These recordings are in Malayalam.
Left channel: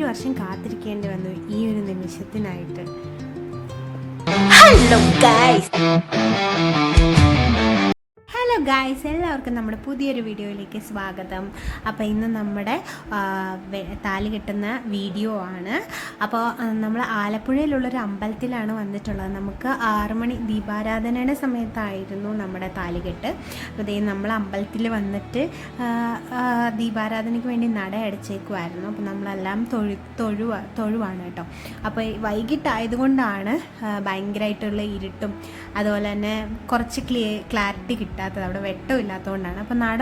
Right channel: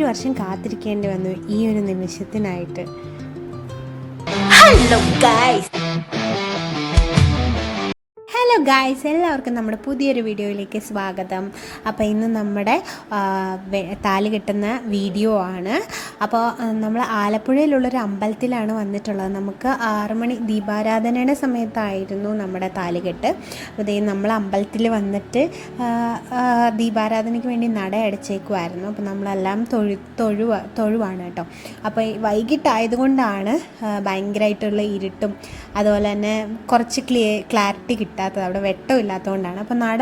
7 വർഷം കാത്തിരിക്കേണ്ടി വന്നു ഈ ഒരു നിമിഷത്തിനായിട്ട്. ഹലോ ഗായ്സ്, എല്ലാവർക്കും നമ്മുടെ പുതിയൊരു വീഡിയോയിലേക്ക് സ്വാഗതം. അപ്പോൾ ഇന്ന് നമ്മുടെ താലി കെട്ടുന്ന വീഡിയോ ആണ്. അപ്പോൾ നമ്മൾ ആലപ്പുഴയിലുള്ളൊരു അമ്പലത്തിലാണ് വന്നിട്ടുള്ളത്. നമുക്ക് 6 മണി ദീപാരാധനയുടെ സമയത്തായിരുന്നു നമ്മുടെ താലികെട്ട്. അപ്പോൾ നമ്മൾ അമ്പലത്തിൽ വന്നിട്ട് ദീപാരാധനയ്ക്ക് വേണ്ടി നട അടച്ചേക്കുമായിരുന്നു. അപ്പോൾ നമ്മളെല്ലാം തൊഴുവാണ് കേട്ടോ. അപ്പോൾ വൈകിട്ടായതുകൊണ്ടാണ് ഭയങ്കരമായിട്ടുള്ള ഇരുട്ടും അതുപോലെ തന്നെ കുറച്ച് ക്ലാരിറ്റി കിട്ടാത്തത്, അവിടെ വെട്ടമില്ലാത്തതുകൊണ്ടാണ്. അപ്പോൾ നട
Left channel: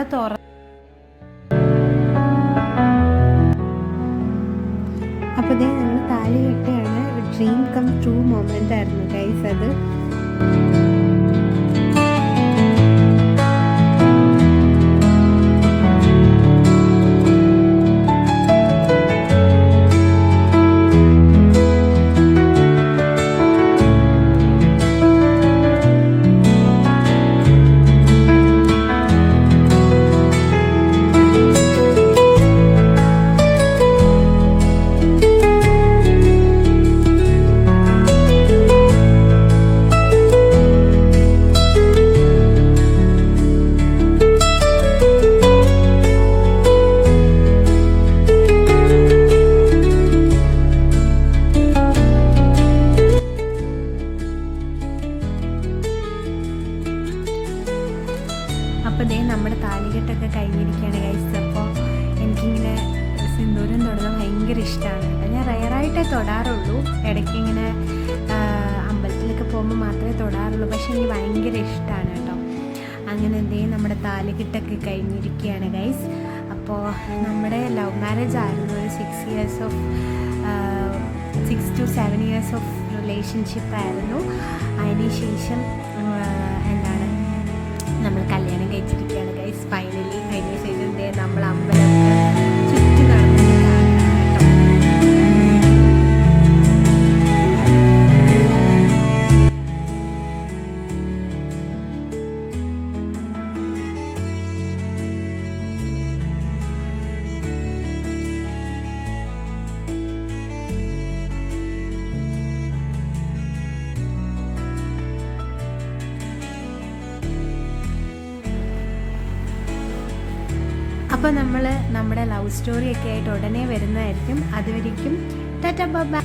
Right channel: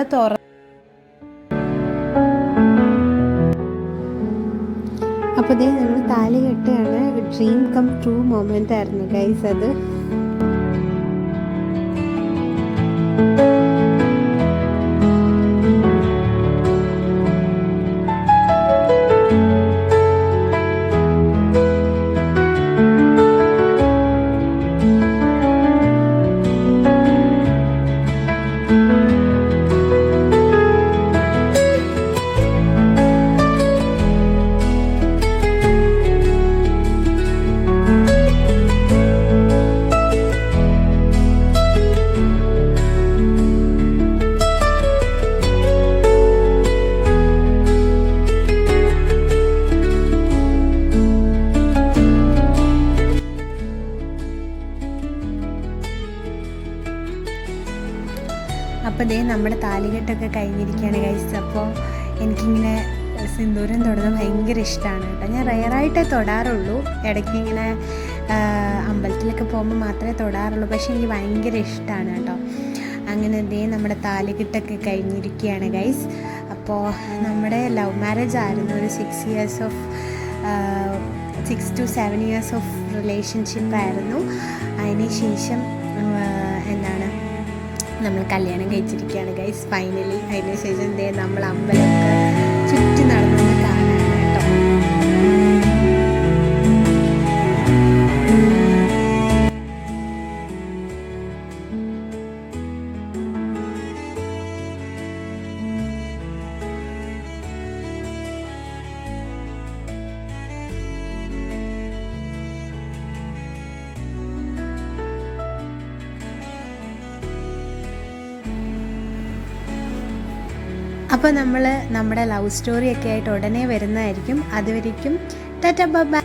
അപ്പോൾ ഞങ്ങൾ താലി കെട്ടുകയാണ്. ഡ്രീം കം ട്രൂ മൊമെൻ്റ് ആയിരുന്നു ഗൈസ് അത്. അപ്പോൾ നമ്മുടെ താലികെട്ടൊക്കെ കഴിഞ്ഞിരിക്കുകയാണ് ഗൈസ്. അപ്പോൾ എനിക്കിങ്ങനെ സിന്ദൂരം തൊടുന്നത് ഭയങ്കര ഇഷ്ടമാണ് കേട്ടോ. ഞാൻ റെയറായിട്ടേ തൊടാറുള്ളൂ, ഇടയ്ക്ക് ഇങ്ങനെ അമ്പലത്തിലൊക്കെ പോകുമ്പോൾ മാത്രമേ തൊടാറുള്ളൂ. പക്ഷേ എനിക്ക് ഭയങ്കര ഇഷ്ടമാണ് കേട്ടോ. അങ്ങനെ നമ്മുടെ താലികെട്ടൊക്കെ കഴിഞ്ഞിരിക്കുകയാണ് ഗൈസ്. അപ്പോൾ നമ്മുടെ ലവ് മാരേജ് ആയിരുന്നു. ഒരു 6 to 7 years ഓഫ് റിലേഷൻഷിപ്പായിരുന്നു. അതിന് ശേഷം നമ്മൾ കല്യാണം കഴിച്ചിരിക്കുകയാണ് ഗൈസ് ഫൈനലി. അതിന് ശേഷം നമ്മൾ അമ്പലമൊക്കെ ചുറ്റി നടന്നെന്ന് കാണുകയാണ് കേട്ടോ. അപ്പോൾ നമ്മൾ നമ്മുടെ ലവ് സ്റ്റോറിയൊക്കെ ആയിട്ട് ഉടനെ വരുന്നതായിരിക്കും. അതുവരേക്കും ടാറ്റാ ബൈ.